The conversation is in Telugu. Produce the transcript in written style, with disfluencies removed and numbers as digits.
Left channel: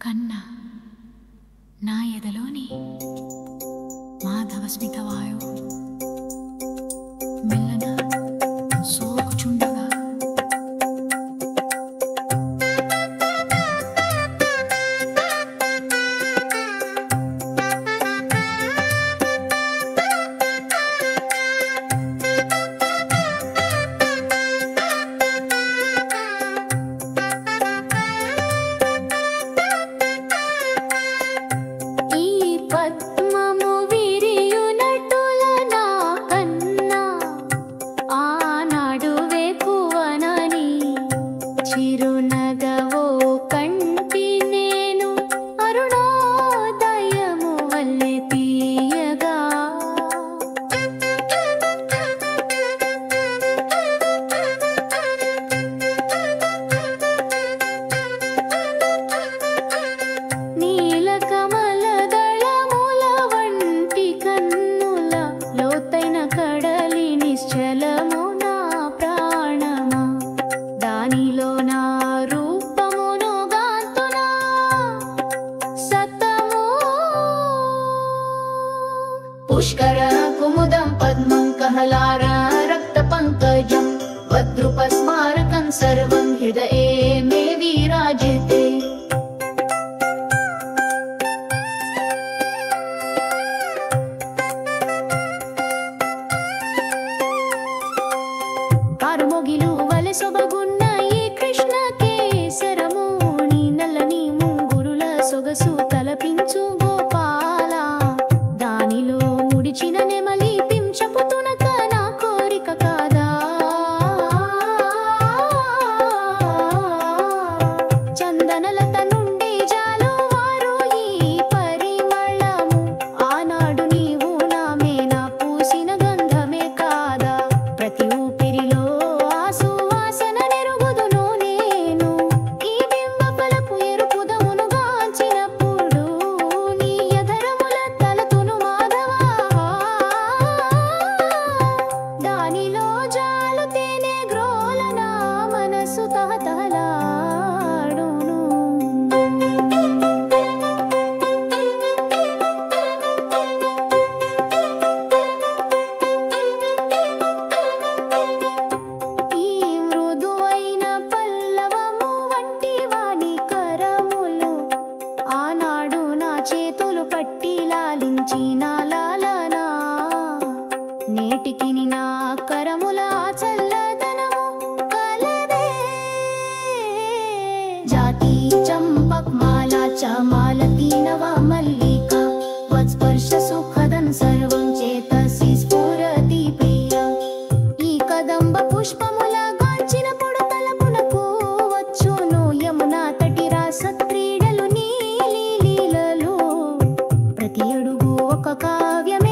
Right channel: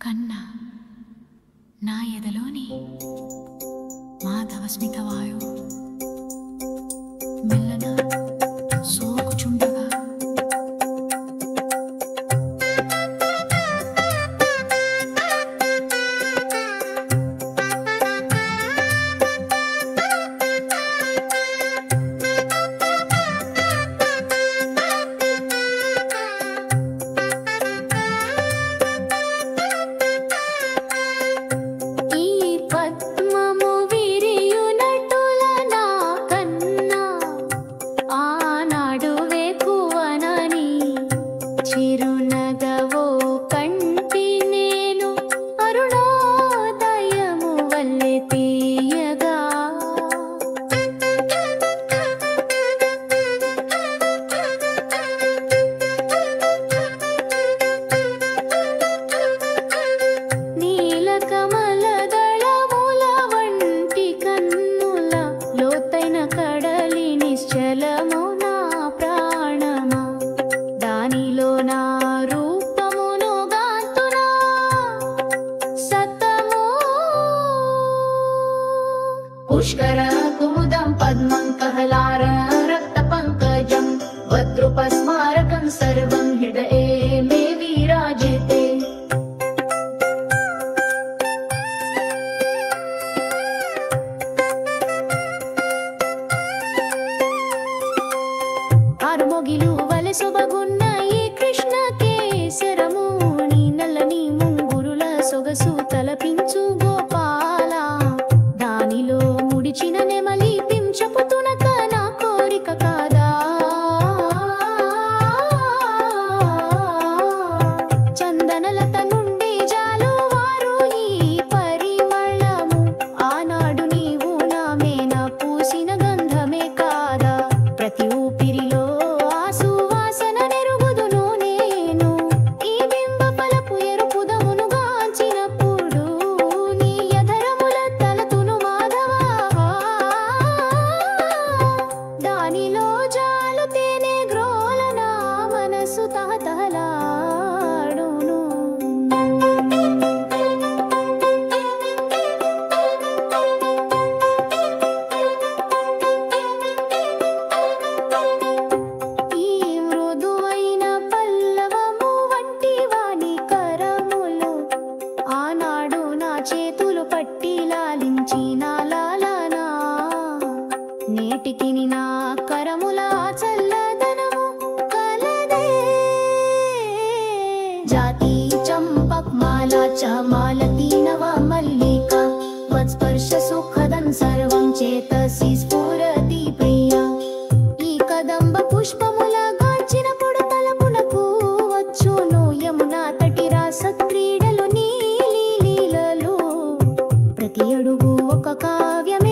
కన్నా నా ఎదలోని మాధవస్మిత వాయువు మెల్లన సోకుచుండగా చిరునగవో కంటి నేను అరుణోదయము వల్లె తీయగా నీలకమల దళముల వంటి కన్నుల లోతైన కడలి నిశ్చలము నా ప్రాణమా దానిలో నా రూపమును గాంతునా సతము పుష్కర కుముదం పద్మం కహలార రక్త పంకజం వద్రుపస్మారకం సర్వం హృదయే మే విరాజితే ఆరుమొగిలు వలె సొబగున్న ఈ కృష్ణ కేసరముని నల్లని ముంగురుల సొగసు తలపించు గోపాల దానిలో ముడిచిన నెమలి పింఛపు తునక నా కోరిక కాదా చందనలత నుండి జాలు వారు ఈ పరిమళము ఆనాడు నీవు నా మేన పూసిన గంధమే కాదా ప్రతి ఊపిరిలో ఆసువాసన నెరుగుదును నేను ఈ బింబపలపు ఎరుపుదమును గాంచినప్పుడు నీ యధరముల తలతును మాధవా దానిలో జాలు తేనె గ్రోల నా మనసు తహతహలాడును ఆనాడు నా చేతులు పట్టి లాలించిన లాలనా నేటికి నా కరముల చల్లదనము కలదే జాతి చంపక్ మాలా చమాలతి నవ మల్లికా వత్స్పర్శ సుఖదం సర్వం చేతసి స్ఫురతి ప్రియా ఈ కదంబ పుష్పముల గాంచినప్పుడు తలపునకు వచ్చును యమునా తటి రాస క్రీడలు ప్రతి అడుగు ఒక కావ్యమే